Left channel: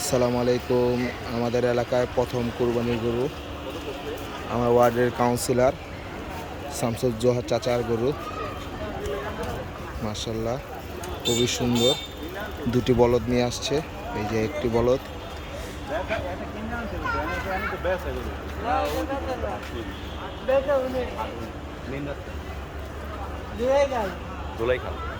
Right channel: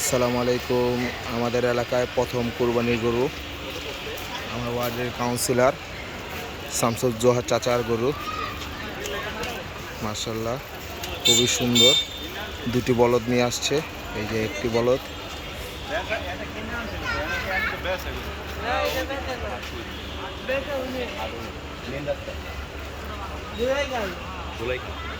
আসসালামু আলাইকুম। আমাদের এলাকায় প্রথম কুরবানির গরু। আমার ওয়ার্ডের কাউন্সিলর শামসুজ্জোহা চাচার গরু। মার্শাল্লাহ খুবই সুন্দর। দুটি বলদ নিয়ে আসছে। এই যে একটি বলদ। মাশাআল্লাহ,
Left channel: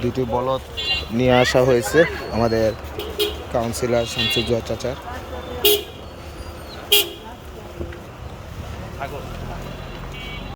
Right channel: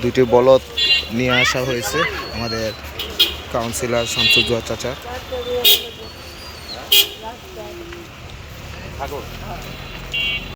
দুইটি বলদ নিয়ে আসা হয়েছে আমাদের কাউন্সিলর শামসুজুয়া চাচার।